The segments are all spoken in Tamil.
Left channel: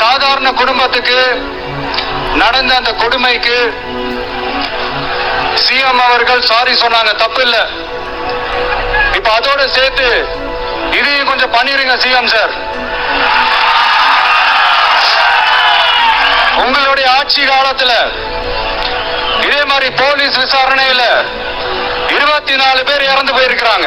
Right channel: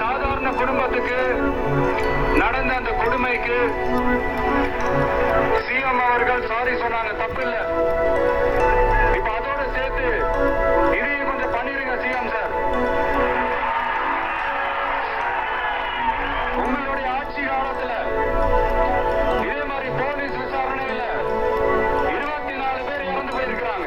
சாதாரண குடும்பத்துக்கு நடந்த அந்த கொடுமைக்கு சிஎம் அவர்கள் சாரி சொன்னாங்க தப்பு இல்ல இப்ப அதோட சேர்த்து இதையும் கொஞ்சம் பண்ணிருங்க சிஎம் சார் உங்களுடைய ஆட்சி காலத்துல இதே மாதிரி போலீஸ் விசாரணையில இருபத்தி நாலு பேர் இறந்து போயிருக்கிறாங்க.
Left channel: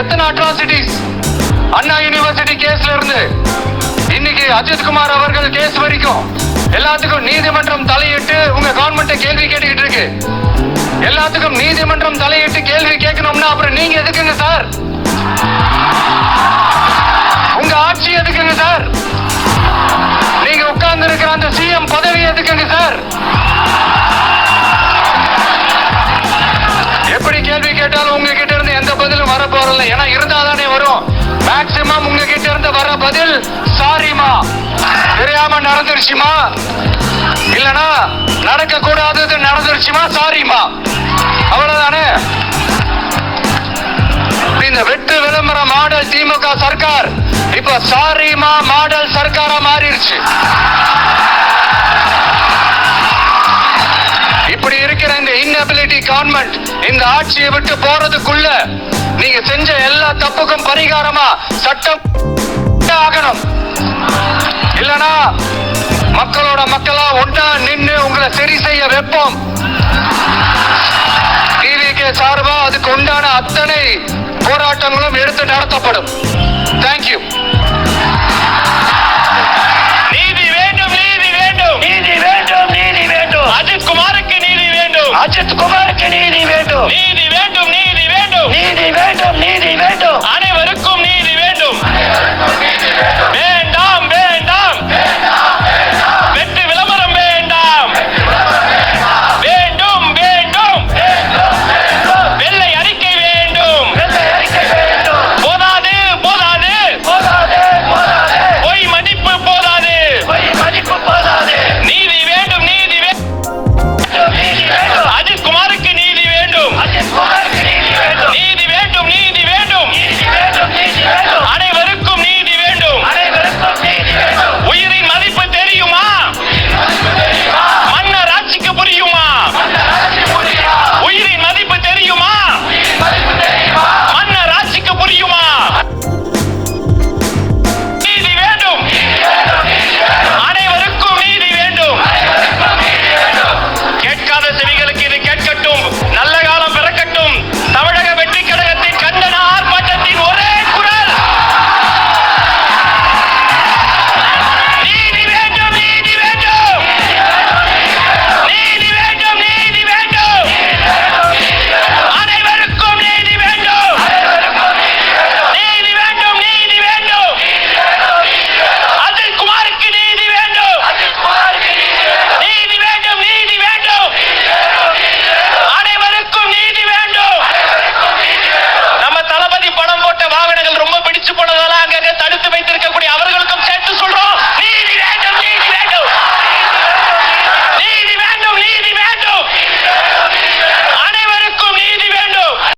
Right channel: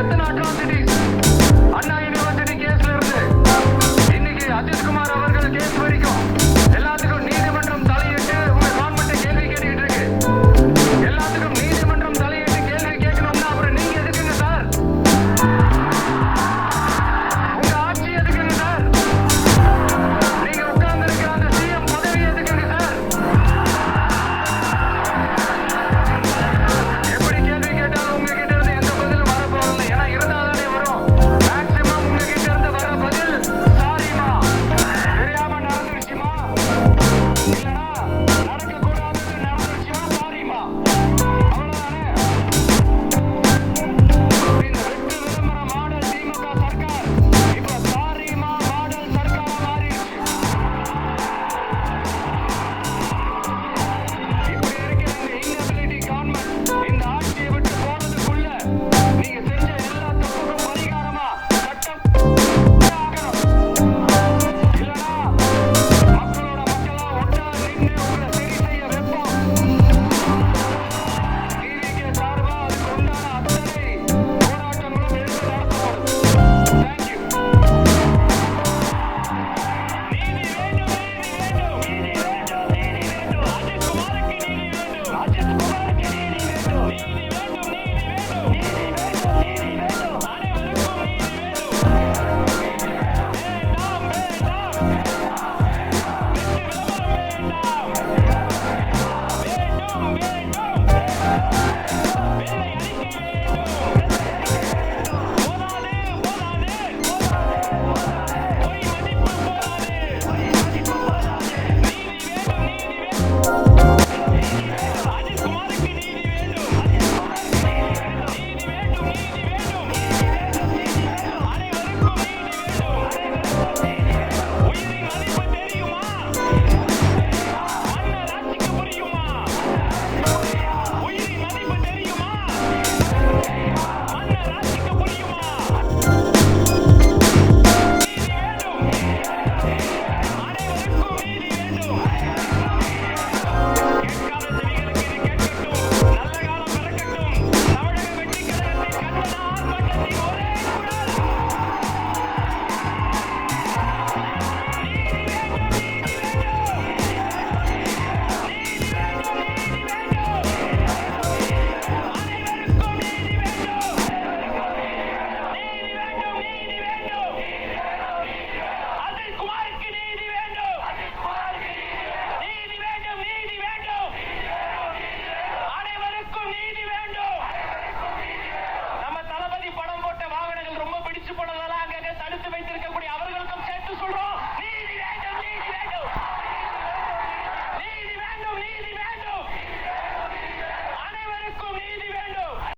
எத்தனை அட்ராசிட்டிஸ் அண்ணா யூனிவர்சிட்டி கேஸ்ல இருந்து. இன்னைக்கு அஜித் குமார் இப்படி இருக்கிற இந்த இன்னபிலிட்டி கவர்மெண்ட் இந்த ஆட்சியை விட்டு போறதுக்குள்ள நீங்க செஞ்ச எல்லா தப்புக்கும் பரிகாரமா